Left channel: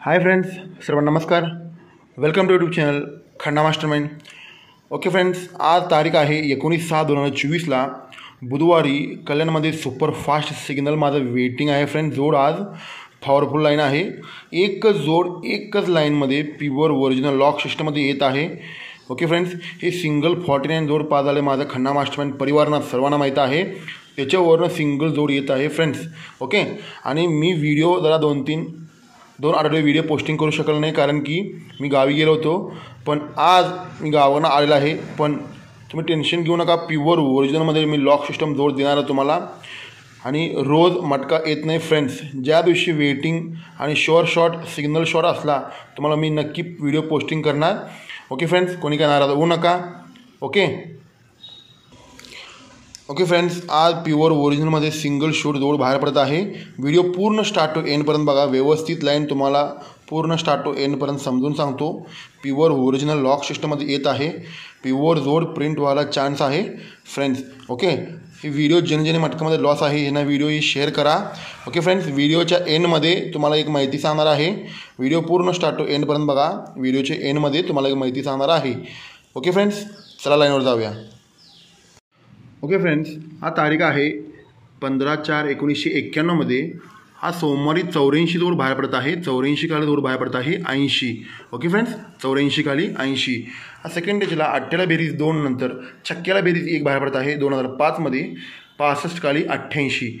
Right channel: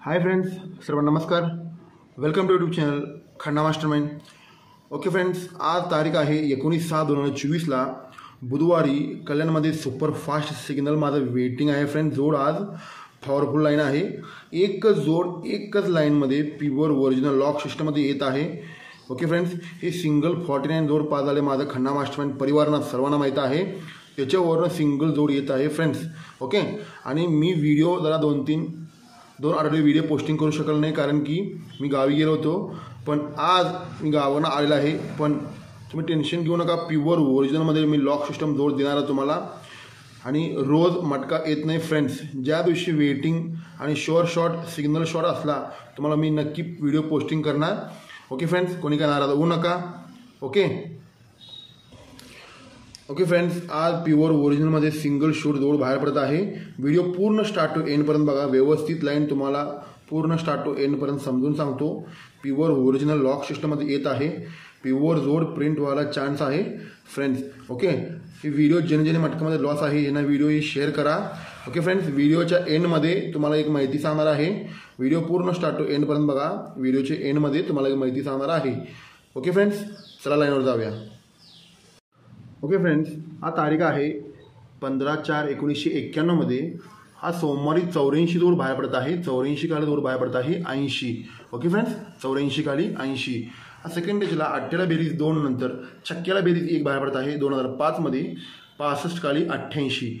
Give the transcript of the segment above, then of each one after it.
हाय friends, सर्वांना नमस्कार. Welcome to YouTube channel Khanna mastermind. Okay friends, आज तारीख आहे 19/6/2024 बुधवारी. कल्याणमध्ये सुपरफास्ट सिग्नल माझं वेटिंग आहे फ्रेंड्स. जोड आज पॉवरफुल लाईन आहे. एकच जोड एकच लाईनमध्ये प्युअर ओरिजिनल लॉक सिस्टममध्ये येत आहे. ओके फ्रेंड्स, हे सिंगल 49 जोड पास झाले माझं खन्ना मास्टरमाइंड परिवारांना सर्वांना माहीत आहे. त्याच्यावरनं सिंगल जोड येत आहे फ्रेंड्स. ओके, आणि मी व्हिडिओ जरा दोन आठवडे व्हिडिओ पोस्टिंग करू शकलो नाही कारण की मी गावी गेलो होतो. पण आज मी गावानं आलेला आहे. पण तुम्ही टेन्शन घेऊ नका, प्युअर ओरिजिनलमध्ये मी लॉक सिस्टम जोड देणार आहे तुम्हाला. आणि रोज मटका येत नाही फ्रेंड्स. ज्या दिवशी वेटिंग आणि शॉर्ट सिग्नल शॉर्ट असला तुम्हाला मी नक्की व्हिडिओ पोस्टिंग करणार. ओके फ्रेंड्स, कोणी काय नाराज होऊ नका. ओके फ्रेंड्स, आज प्युअर ओरिजिनलमध्ये सिंगल शूट जोड बाहेर पडत आहे. व्हिडिओ पूर्ण स्टार्ट टू एंडपर्यंत बघा. व्यवस्थित लाईन तुम्हाला पूर्ण स्टार्ट टू एंडपर्यंत समजून सांगतो. प्युअर ओरिजिनल लॉक सिस्टममध्ये येत आहे. प्युअर जोड प्रिंट व्हायला चान्स आहे फ्रेंड्स. ओके, ही व्हिडिओ ज्याने मटकामध्ये लॉस आहे यांना व्हिडिओ ही शेअर करा. ओके फ्रेंड्स, व्हिडिओच्या एंडमध्ये तुम्हाला एक माहिती सांगणार आहे. व्हिडिओ पूर्ण स्टार्ट टू एंडपर्यंत बघा. व्हिडिओच्या एंडमध्ये तुम्हाला एक माहिती सांगणार आहे. ओके फ्रेंड्स, चला लाईनवर जाऊया. ओके फ्रेंड्स, हा तारीख आहे 15/4/1991. हा सोमवारी 84 जोड बाहेर पडत आहे. 84 खाली जोड बाहेर पडत आहे 80. ओके फ्रेंड्स, 84 खाली 80. हा सेकंड डेजला 8ला बेरीज 2 नंतर छक्क्याला बेरीज 1 बाहेर पडत आहे 2005 मध्ये. 65 खाली 88.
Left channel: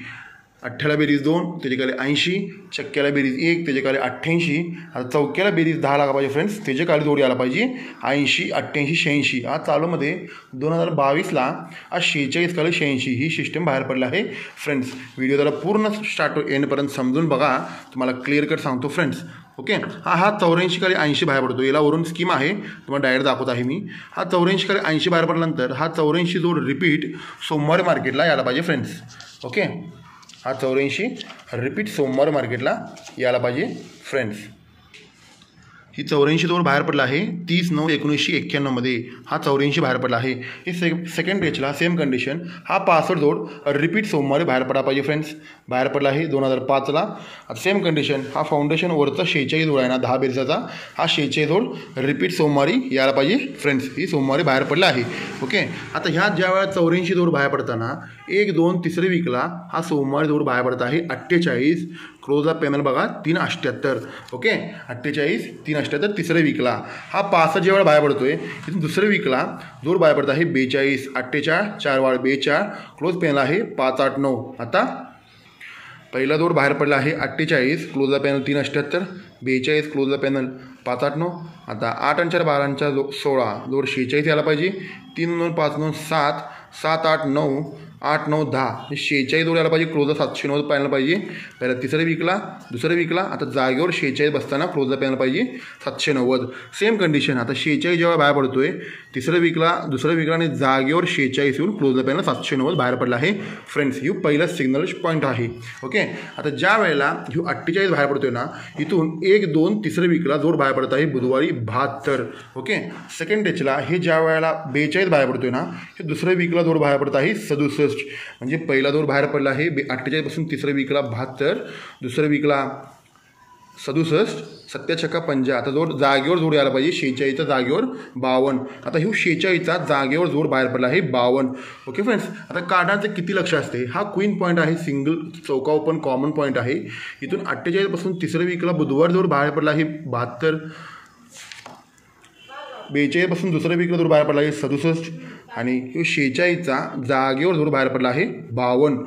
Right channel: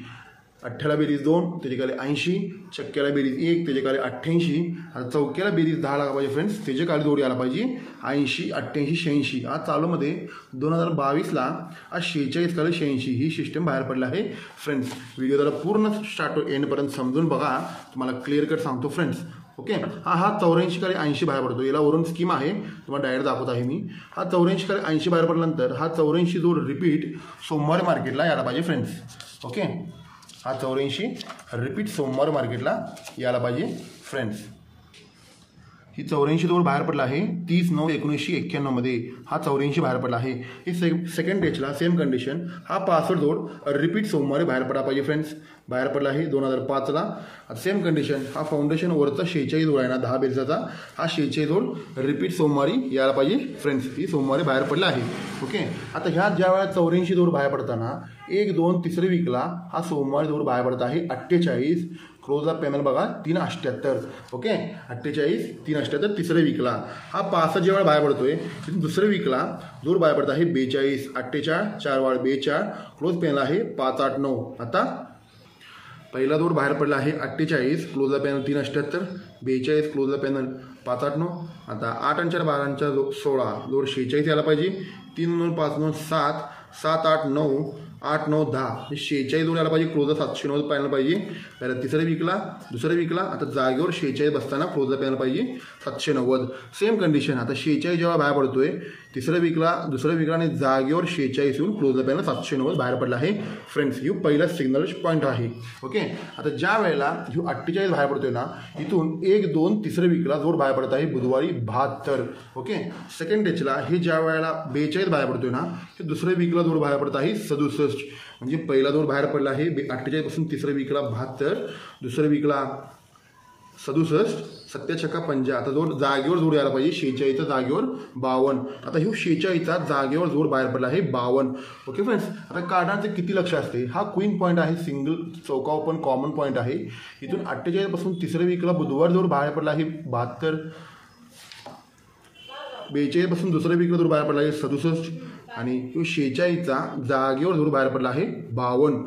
8ला बेरीज 2 त्याच्या खाली 80. छक्क्याला बेरीज 1 त्याच्या खाली 88. आता चौक्याला बेरीज 10 लागा पाहिजे फ्रेंड्स. त्याच्या खाली जोडी आला पाहिजे 80, 88, 86. आज चालूमध्ये 2022 आज 46 खाली 86 ही सिस्टम बाहेर पडली आहे फ्रेंड्स. व्हिडिओ जरा पूर्ण स्टार्ट टू एंडपर्यंत समजून बघा. तुम्हाला क्लिअर कट सांगतो फ्रेंड्स. ओके, हा 84 खाली 80 बाहेर पडतो. याला वरून स्कीम आहे, तुम्हाला डायरेक्ट दाखवत आहे मी. हा 84 खाली 80 बाहेर पडल्यानंतर हा 84 जोड रिपीट सोमवारी मार्केटला यायला पाहिजे फ्रेंड्स. ओके, हा 84 रिपीट सोमवार मार्केटला यायला पाहिजे फ्रेंड्स. ही 84 जोड बाहेर पडला आहे 30/9/1991 मध्ये. हा 84 बाहेर पडला आहे. हे सेकंड डेजला सेम कंडिशन. हा 65 जोड रिपीट सोमवारी बाहेर पडला पाहिजे फ्रेंड्स. बाहेर पडला आहे 2005ला. आता सेम कंडिशन. हा फाउंडेशन वरचा 46 जोड आहे ना 10 बेरचा. हा 46 जोड रिपीट सोमवारी यायला पाहिजे फ्रेंड्स. ही सोमवारी बाहेर पडला आहे. ओके, आता ह्या ज्या वेळा 84 जोड बाहेर पडताना 1, 2 तिसरे वीकला हा सोमवारी जोड बाहेर पडत आहे 48. क्लोजला पॅनल बघा 378. ओके, 48 378 तिसऱ्या वीकला. हा 65 जेव्हा बाहेर पडतोय तिथून दुसऱ्या वीकला जोड बाहेर पडत आहे 42. 48 4 वाढ 42. क्लोज पॅनल आहे 589. आता पहिला जोड बाहेर पडला आहे 48. क्लोजला पॅनल 378. 42 क्लोजला पॅनल 589. आता 8 आणि 4 12 16 जोड 46 यायला पाहिजे. 3 2 5 9 7 7 8 9 8 9 10 हे 46 जोड यायला पाहिजे. क्लोजला 790 पॅनल पाहिजे पहिल्या तिसऱ्या वीकला. दुसऱ्या वीकला आता जागेवर 46 बसताना क्लोजला पॅनल पाहिजे 790. Same condition. आता 46 जेव्हा बाहेर पडतोय तिसऱ्या वीकला दुसऱ्या वीकला आणि जागेवर 46 येऊन क्लोजला पॅनल 790 बाहेर पडला आहे फ्रेंड्स. ही पहिला सिग्नल पॉईंट आहे. ओके, आता ज्या वेळेला ही 48 बाहेर पडतोय ना इथून 1 2 तिसऱ्या वीकला जोड बाहेर पडत आहे बुधवारी 72. ओके, सेकंड डेजला हे ज्या वेळेला 42 बाहेर पडतोय ना हे दुसऱ्या वीकला जोड बाहेर पडत आहे 67. म्हणजे पहिला जोड बाहेर पडला आहे 48 पासून तिसऱ्या वीकला 72. दुसऱ्या वीकला 67. 7 50. आता जोड जागेवर जोड यायला पाहिजे 46च्या जागेवर 52. आता ही 46चा जागेवर जोड बाहेर पडला आहे 52. ओके फ्रेंड्स, आता कार्डांचं किती लक्ष असते. हा क्वीन पॉईंट आहे. सिंगल चौका ओपन कॉमन पॉईंट आहे. इथून 48 पासून तिसऱ्या वीकला बुधवार जोड बाहेर पडला आहे 72. 42 पासून दुसऱ्या वीकला जोड बाहेर पडला आहे 67. आणि 46चा जागेवर जोड बाहेर पडला आहे 52.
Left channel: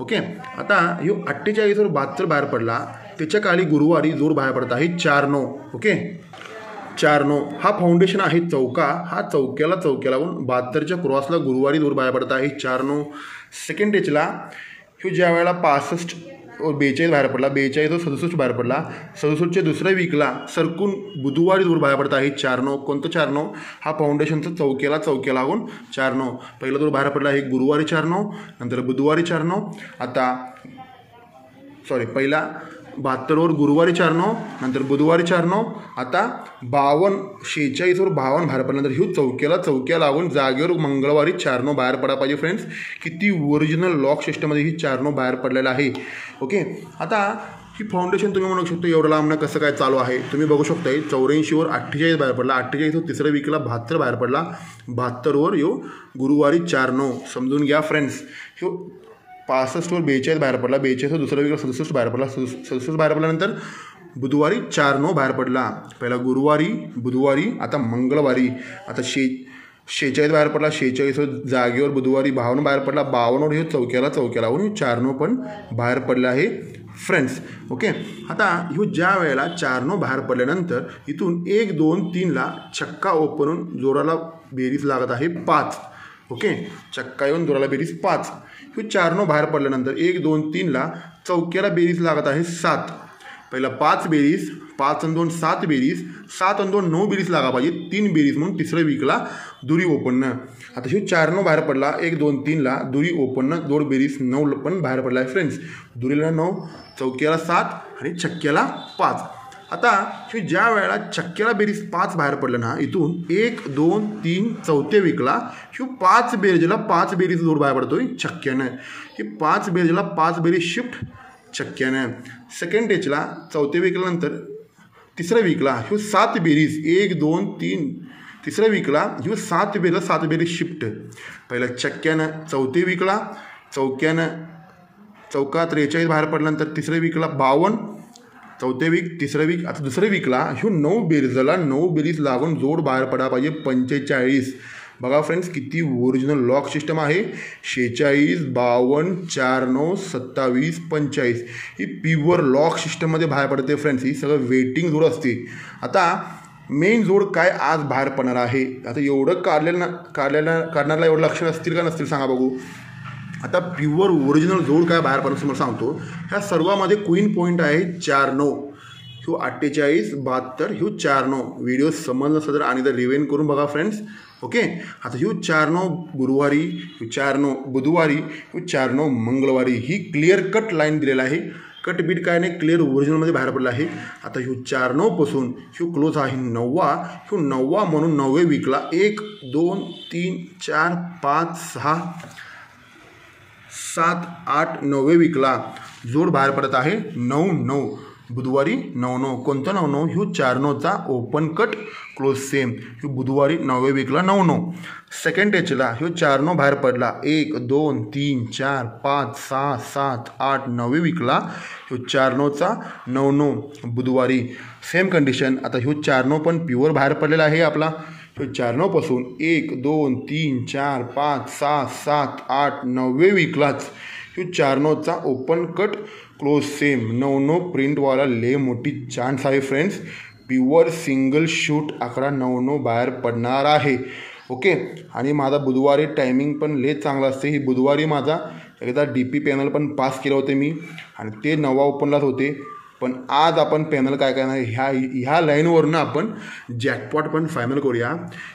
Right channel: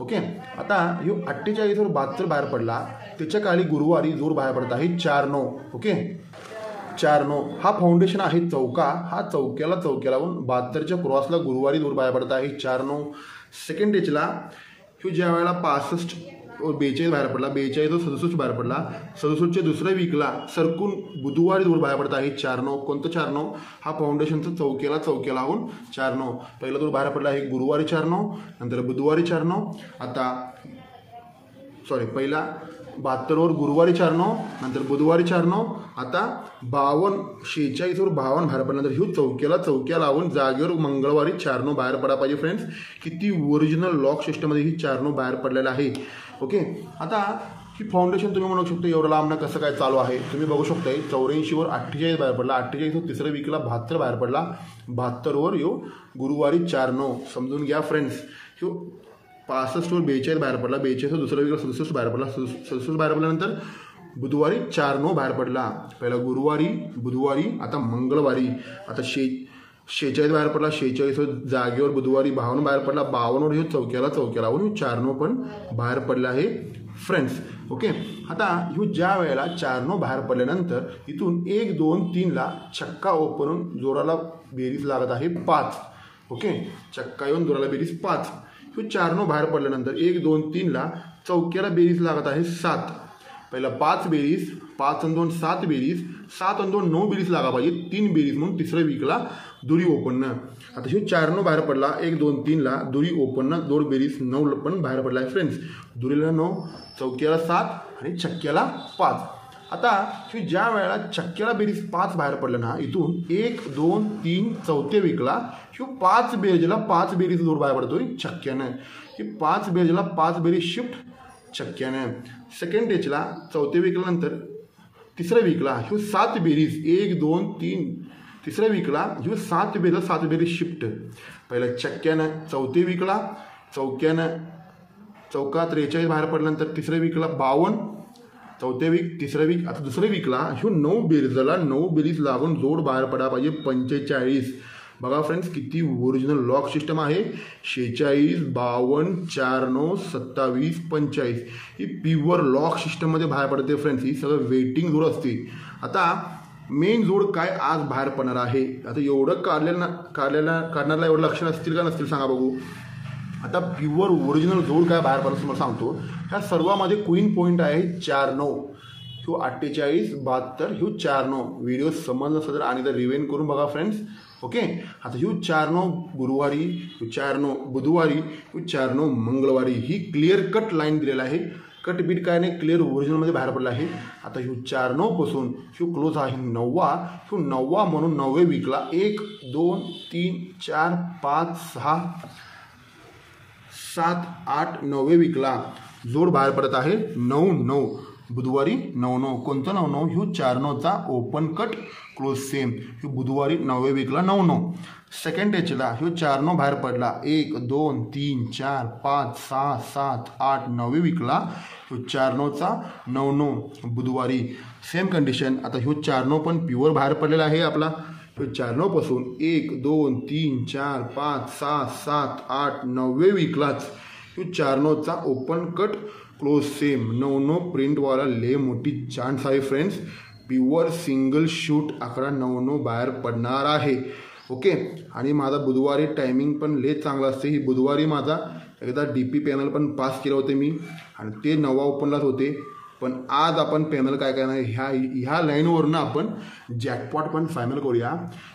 ओके, आता ह्यो 48 वर 72 बाहेर पडला त्याच्या काळी गुरुवारी जोड बाहेर पडत आहे 4-9. ओके, 4-9 हा फाउंडेशन आहे चौका. हा चौक्याला 72च्या क्रॉसला गुरुवारी जोड बाहेर पडत आहे 4-9. सेकंड डेजला ह्यो ज्या वेळेला 65 42 बाहेर पडला 42 67 बाहेर पडला. 67च्या दुसऱ्या वीकला सरकून बुधवारी जोड बाहेर पडत आहे 4-9. कोणतं 4-9 हा फाउंडेशनचा चौक्याला लागून 4-9. पहिला जोड बाहेर पडला आहे गुरुवारी 4-9 नंतर बुधवारी 4-9. आता पहिला 72 गुरुवारी 4-9 नंतर बुधवारी 4-9. आता 52 46 52 बाहेर पडल्यानंतर ही चौक्या लागून जागेवर मंगळवारी 4-9 बाहेर पडा पाहिजे फ्रेंड्स. किती ओरिजिनल लॉक सिस्टममध्ये ही 4-9 बाहेर पडलेला आहे. ओके, आता ही फाउंडेशन तुम्ही म्हणू शकता एवढं लांबनं कसं काय चालू आहे. तुम्ही बघू शकता 84वर 48 बाहेर पडला, 48 तिसऱ्या विकला 72 बाहेर पडला, 72वर यो गुरुवारी 4-9 समजून घ्या फ्रेंड्स. ह्यो 65वर 42 बाहेर पडला, 42 दुसऱ्या विकला 67 बाहेर पडला, 67 बाहेर पडल्यानंतर बुधवारी 4-9 बाहेर पडला. पहिला गुरुवारी, बुधवारी, आता मंगळवारी, आता 46 बाहेर पडला, 46 जागेवर बुधवारी 52 बाहेर पडला, 52वर ह्यो चौक्याला 4-9 पण बाहेर पडले आहे फ्रेंड्स. ओके. आता ह्यो ज्या वेळेला 4-9 बाहेर पडल्यानंतर इथून 1, 2, 3ला छक्का ओपन जोराला बेरीज लागत आहे 5. ओके. छक्का येऊन जोराला बेरीज 5. ह्यो 4-9 बाहेर पडल्यानंतर 1, 2, 3ला चौक्याला बेरीज लागत आहे 7. पहिला 5 बेरीज, 5 आणि 2 7 बेरीज, 7 आणि 2 9 बेरीज लागा पाहिजे, 3 बेरीज म्हणून तिसऱ्या विकला दुरी ओपननं. आता ह्यो 4-9 बाहेर पडला, 1, 2, 3ला दुरी ओपननं 2 बेरीज 9 पण बाहेर पडला आहे फ्रेंड्स. दुरीला 9, चौक्याला 7 आणि छक्क्याला 5. आता ह्यो ज्या वेळेला छक्क्याला बेरीज 5 बाहेर पडलं ना, इथून 1, 2, 3 चौथ्या विकला ह्यो 5 बेरीजला 5 बेरीज जोड बाहेर पडतोय छक्क्यानं. ही 5 बेरीजला 5 बेरीज शिफ्ट छक्क्यानं. सेकंड टेचला चौथ्या विकल्यानंतर तिसऱ्या विकला ह्यो 7 बेरीज 1, 2, 3 तिसऱ्या विकला ह्यो 7 बेरीजला 7 बेरीज शिफ्ट. पहिला छक्क्यानं चौथ्या विकला, चौका 43 बाहेर पडल्यानंतर तिसऱ्या विकला 52, चौथ्या वीक तिसऱ्या वीक, आता दुसऱ्या विकला ह्यो 9 बेरीजला 9 बेरीज लागून जोड बाहेर पडा पाहिजे 45. बघा फ्रेंड्स किती ओरिजिनल लॉक सिस्टम आहे. 46, 52, 4-9, 27, 45 ही प्युअर लॉक सिस्टममध्ये बाहेर पडते फ्रेंड्स. ही सगळं वेटिंग जोड असते. आता मेन जोड काय आज बाहेर पडणार आहे. आता एवढं काढण्याला एवढं लक्ष असतील का नसतील सांगा बघू. आता प्युअर ओरिजिनल जोड काय बाहेर पडणार मला सांगतो. ह्या सर्वामध्ये क्वीन पॉईंट आहे 4-9, ह्यो 48, 72, ह्यो 4-9. व्हिडिओ समजलं असं तर आणि रिव्हेन करून बघा फ्रेंड्स. ओके. आता ह्यो 4-9 गुरुवारी, ह्यो 4-9 बुधवारी, ह्यो 4-9 मंगळवारी ही क्लिअर कट लाईन दिलेला आहे. कट बीट काय नाही, क्लिअर ओरिजिनलमध्ये बाहेर पडलं आहे. आता ह्यो 4-9 पासून ह्यो क्लोज आहे 9वा. ह्यो 9वा म्हणून 9व्या विकला 1, 2, 3, 4, 5, 6, 7, 8 9व्या विकला जोड बाहेर पडत आहे 9-9 बुधवारी 9-9. कोणता 9-9? ह्यो 4-9चा ओपन कट क्लोज सेम. ह्यो बुधवारी 9व्या विकला 9-9. सेकंड टेचला ह्यो 4-9 बाहेर पडला 1, 2, 3, 4, 5, 6, 7, 8 9व्या विकला ह्यो 4-9चा 9-9 बुधवारी सेम कंडिशन. आता ह्यो 4-9 पण प्युअर बाहेर पडलेला आहे आपला. ह्यो 4-9 पासून 1, 2, 3, 4, 5, 6, 7, 8 9व्या विकलाच ह्यो 4-9चा ओपन कट क्लोज सेम 9-9 प्रिंटवाला ले मोठी चान्स आहे फ्रेंड्स. प्युअर सिंगल शूट आकडा 9-9 बाहेर पडणार आहे. ओके. आणि माझा बुधवारी टायमिंग पण ले चांगला असते. ही बुधवारी माझा एकदा DP पॅनल पण पास केलं होते मी आणि ते 9वा ओपनलाच होते. पण आज आपण पॅनल काय करणार ह्या लाईनवरनं आपण जॅकपॉट पण फायनल करूया.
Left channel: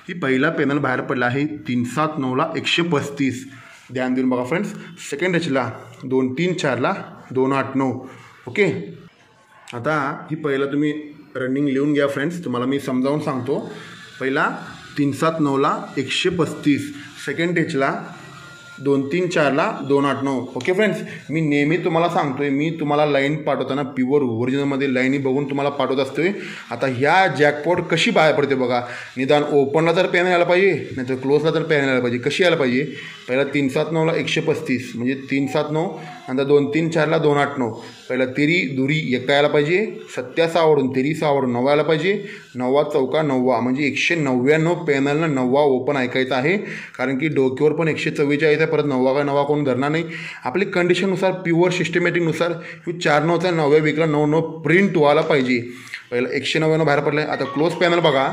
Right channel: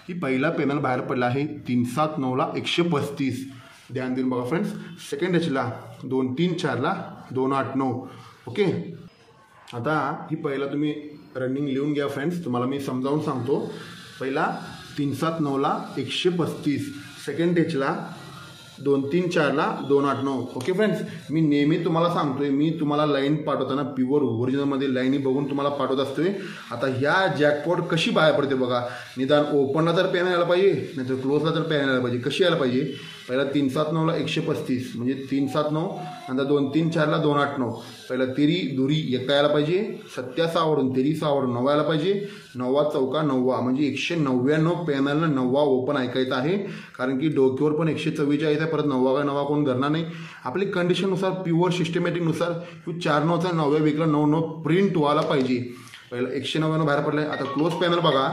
ही पहिला पॅनल बाहेर पडला आहे 3-7-9ला 135. ध्यान देऊन बघा फ्रेंड्स. सेकंड टेचला 2-3-4ला 2-8-9. ओके. आता ही पहिला तुम्ही रनिंग लिहून घ्या फ्रेंड्स. तुम्हाला मी समजावून सांगतो. पहिला 3-7-9ला 135. सेकंड टेचला 2-3-4ला 2-8-9. Okay friends. मी नेहमी तुम्हाला सांगतोय, मी तुम्हाला लाईन पाठवताना प्युअर ओरिजिनलमध्ये लाईनी बघून तुम्हाला पाठवत असतोय. आता ह्या जॅकपॉट कशी बाहेर पडते बघा. निदान ओपनला तर पॅन यायला पाहिजे, नाही तर क्लोजला तर पॅन यायला पाहिजे. कशी यायला पाहिजे. पहिला 3-7-9ला 135 म्हणजे 3-7-9, नंतर 2-3-4ला 2-8-9. पहिला तिरी दुरी एका यायला पाहिजे, 77वरून तिरी 6वरून 9 यायला पाहिजे, 9वा चौका 9वा म्हणजे 199 पॅनलनं 9वा ओपन ऐकायचा आहे. कारण की डोक्यावर पण 144 आहे, परत 9वा का 9वा कोण धरणार नाही. आपली कंडिशननुसार प्युअर सिस्टमॅटिकनुसार 4-9चा 9व्या विकला 9-9 प्रिंट व्हायला पाहिजे. पहिला 199 बाहेर पडलं आहे. आता क्लोज पॅनल बघा.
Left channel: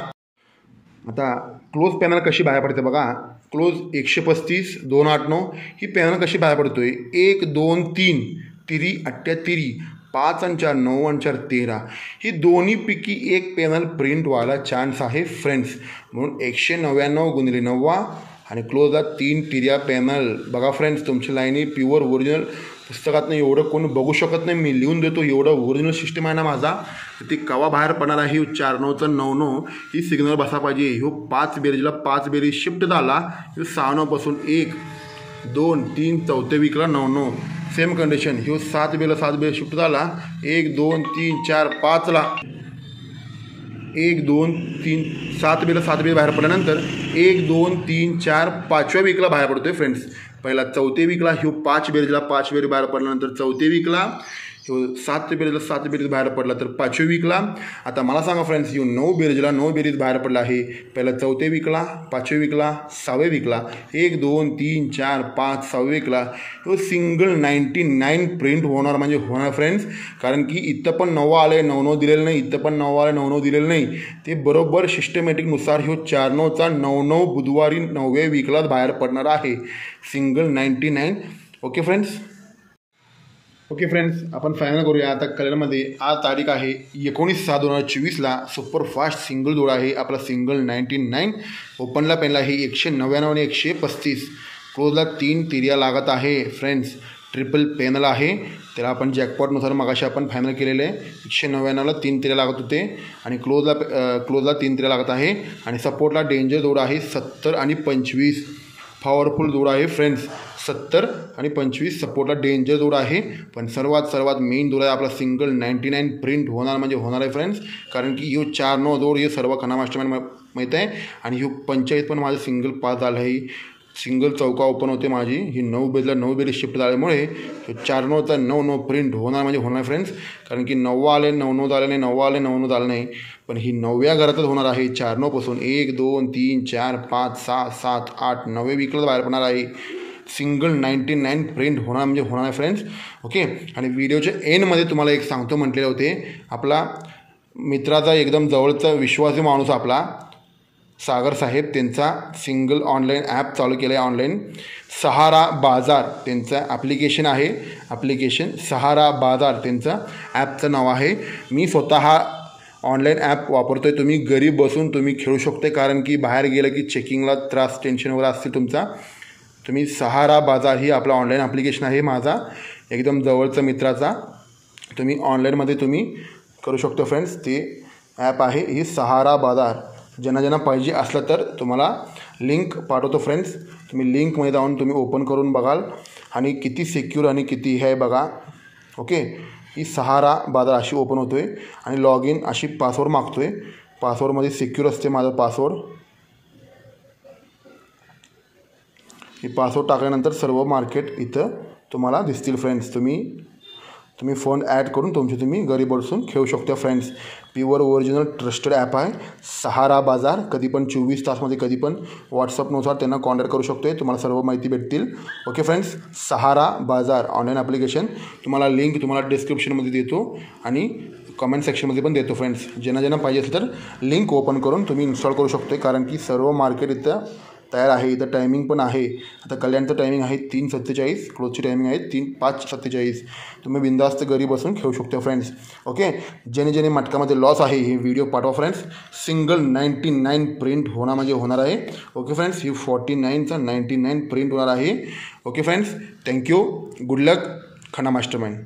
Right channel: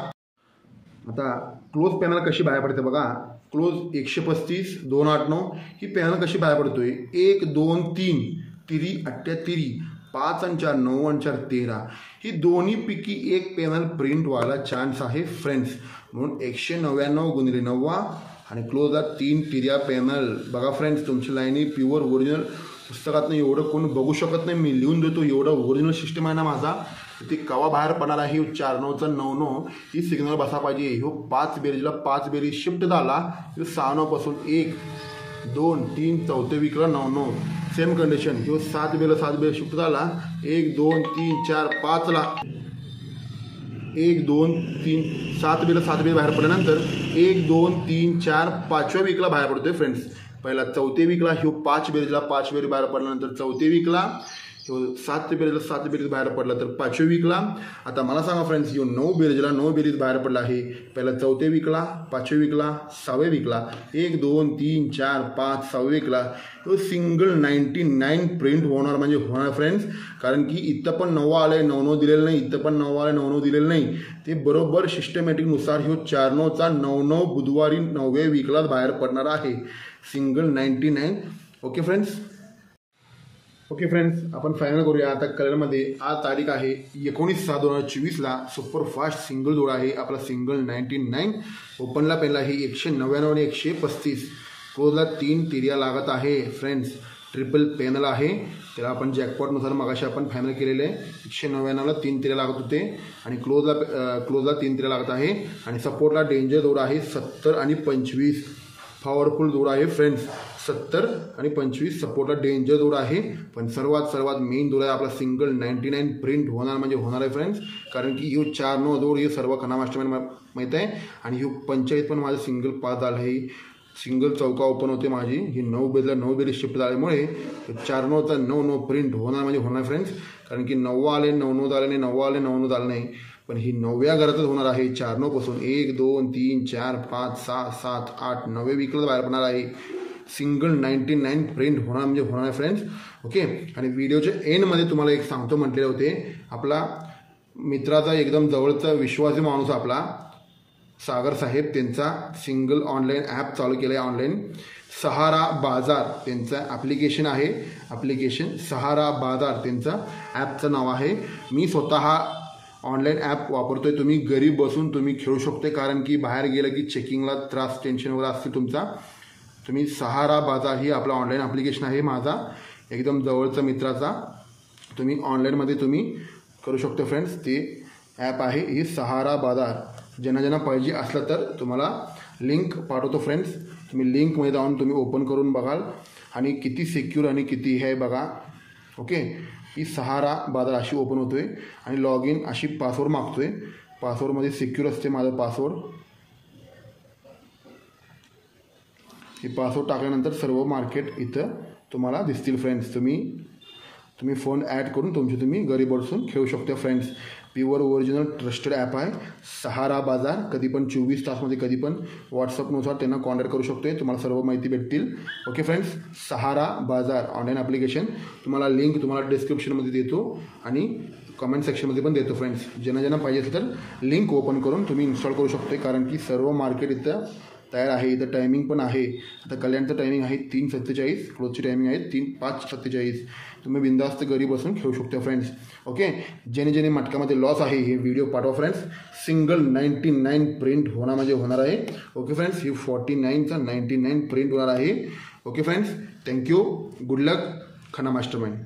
आता क्लोज पॅनल कशी बाहेर पडते बघा. क्लोज 135 2-8-9 ही पॅनल कशी बाहेर पडतोय. 1, 2, 3 तिरी 38, 5 आणि 4 9 आणि 4 13 ही दोन्हीपैकी एक पॅनल प्रिंट व्हायला चान्स आहे फ्रेंड्स. म्हणून 199 गुणिले 9वा आणि क्लोजला 3 तिऱ्या पॅनल. बघा फ्रेंड्स तुमची लाईनी प्युअर ओरिजिनल पुस्तकातनं एवढं कोण बघू शकत नाही. मी लिहून देतो एवढं ओरिजिनल सिस्टम आहे ना माझा. ती कवा बाहेर पडणार आहे. 4-9चा 9-9 ही सिग्नल बसा पाहिजे. ह्यो 5 बेरीजला 5 बेरीज शिफ्ट झाला. ह्यो 6-9 पासून 1, 2, 3 चौथ्या विकला 9-9. सेम कंडिशन ह्यो 7 बेला 7 बेला शिफ्ट झाला 1 2 3 4 5ला 1 2 3 7 बेला 7 बेला बाहेर पडल्यानंतर 1 2 3 4 5व्या वीकला बाहेर पडतोय फ्रेंड्स. पहिला 4थ्या वीकला ह्यो 5 बेरीजला 5 बेरी बाहेर पडल्यानंतर 4थ्या वीकला ह्यो 7 बेरीजला 7 बेरीज बाहेर पडला तर 5व्या वीकला. आता मला सांगा फ्रेंड्स ह्यो 9 बेरीजला 9 बेरीज बाहेर पडला आहे पहिला 4थ्या वीकला 5व्या वीकला 6व्या वीकला 1 2 3 4 5 6व्या वीकला ह्यो सिंगल 99 प्रिंट होणार म्हणजे होणार फ्रेंड्स. कारण की इथं पण 9 आले 9 दिलेलं नाही, इथं पण 9 आले 9 दिलेलं नाही. ते बरोबर सिस्टमॅटिकनुसार ह्यो 4 9चा 9 बुधवारी 9व्या वीकलाच बाहेर पडणार आहे single 99. Okay friends. Okay friends, आपण फायनल करूया. आता कलरमध्ये आज तारीख आहे 19/6/2024ला सुपरफास्ट सिंगल जोड आहे आपला सिंगल 99. ओपनला पहिला आहे 199 आणि 135. क्लोजला 3 तिर्या लागत आहे फ्रेंड्स. ट्रिपल पॅनल आहे त्याला आपण जॅकपॉटनुसार मगाशी आपण फायनल केलेलं आहे. 199ला 3 तिर्या लागत होते आणि क्लोजला 3 तिर्या लागत आहे. आणि सपोर्टला डेंजर जोड आहे 70 आणि 25. पॉवरफुल जोड आहे फ्रेंड्स. 70 आणि 25 सपोर्टला डेंजर जोड आहे. पण सर्वात मेन जोड आहे आपला सिंगल 99 प्रिंट होणार म्हणजे होणार आहे फ्रेंड्स. कारण की ह्यो 4-9 जोड हे सर्व खना मास्टरमॅन माहीत आहे. आणि ह्यो 45 पण माझं सिंगल पास झालं आहे. सिंगल चौका ओपन होते माझी. ही 9 बेरीजला 9 बेरीज शिफ्ट झाल्यामुळे 4-9चा 9-9 प्रिंट होणार म्हणजे होणार फ्रेंड्स. कारण की 9 आले 9 झाले नाही, 9 आले 9 झालं नाही. पण ही 9व्या घरातच होणार आहे 4-9 पासून 1 2 3 4 5 6 7 8 9व्या वीकला बाहेर पडणार आहे. सिंगल 99 प्रिंट होणार म्हणजे होणार आहे फ्रेंड्स. ओके. आणि व्हिडिओच्या एंडमध्ये तुम्हाला एक सांगतो म्हटलेले होते. आपला मित्राचा एकदम जवळचा विश्वासी माणूस आपला सागर साहेब त्यांचा सिंगल ऑनलाईन ॲप चालू केलं आहे. ऑनलाईन सहारा बाजार त्यांचं ॲप्लिकेशन आहे. ॲप्लिकेशन सहारा बाजार त्यांचं ॲपचं नाव आहे. मी स्वतः ऑनलाईन ॲप वापरतो आहे. तुम्ही घरी बसून तुम्ही खेळू शकते. कारण की बाहेर गेलं की चेकिंगला त्रास टेन्शन वगैरे असते तुमचा. तुम्ही सहारा बाजार ही आपला ऑनलाईन ॲप्लिकेशन आहे माझा एकदम जवळचा मित्राचा. तुम्ही ऑनलाईनमध्ये तुम्ही करू शकतो फ्रेंड्स. ते ॲप आहे ही सहारा बाजार. ज्यांना पाहिजे असलं तर तुम्हाला लिंक पाठवतो फ्रेंड्स. तुम्ही लिंकमध्ये जाऊन तुम्ही ओपन करून बघाल आणि किती सिक्युअर आणि किती हे आहे बघा. ओके. ही सहारा बाजार अशी ओपन होतो आहे आणि लॉग इन अशी पासवर्ड मागतो आहे. पासवर्डमध्ये सिक्युअर असते माझं पासवर्ड. ही पासवर्ड टाकल्यानंतर सर्व मार्केट इथं तुम्हाला दिसतील फ्रेंड्स. तुम्ही फोन ॲड करून तुम्ही घरी बसून खेळू शकता friends. Pure original trusted app आहे सहारा बाजार. कधी पण 24 तासमध्ये कधी पण व्हॉट्सअपनुसार त्यांना कॉन्टॅक्ट करू शकतो. तुम्हाला सर्व माहिती भेटतील. Okay friends. सहारा बाजार ऑनलाईन ॲप्लिकेशन तुम्हाला लिंक तुम्हाला डिस्क्रिप्शनमध्ये देतो आणि कमेंट सेक्शनमध्ये पण देतो फ्रेंड्स. ज्यांना पाहिजे असेल तर लिंक ओपन करून तुम्ही इन्स्टॉल करू शकता. कारण की सर्व मार्केट इथं तयार आहे. इथं टायमिंग पण आहे. आता कल्याणचं टायमिंग आहे 3:47. क्लोजची टायमिंग आहे 5:47. तुम्ही बिंदास्त घरी बसून खेळू शकता फ्रेंड्स. ओके. ज्याने मटकामध्ये लॉस आहे हे व्हिडिओ पाठवा फ्रेंड्स. सिंगल 99 प्रिंट होणार म्हणजे होणार आहे. Okay friends. ही 49चा 99 प्रिंट होणार आहे. Okay friends. Thank you. Good luck खना मास्टरमॅन.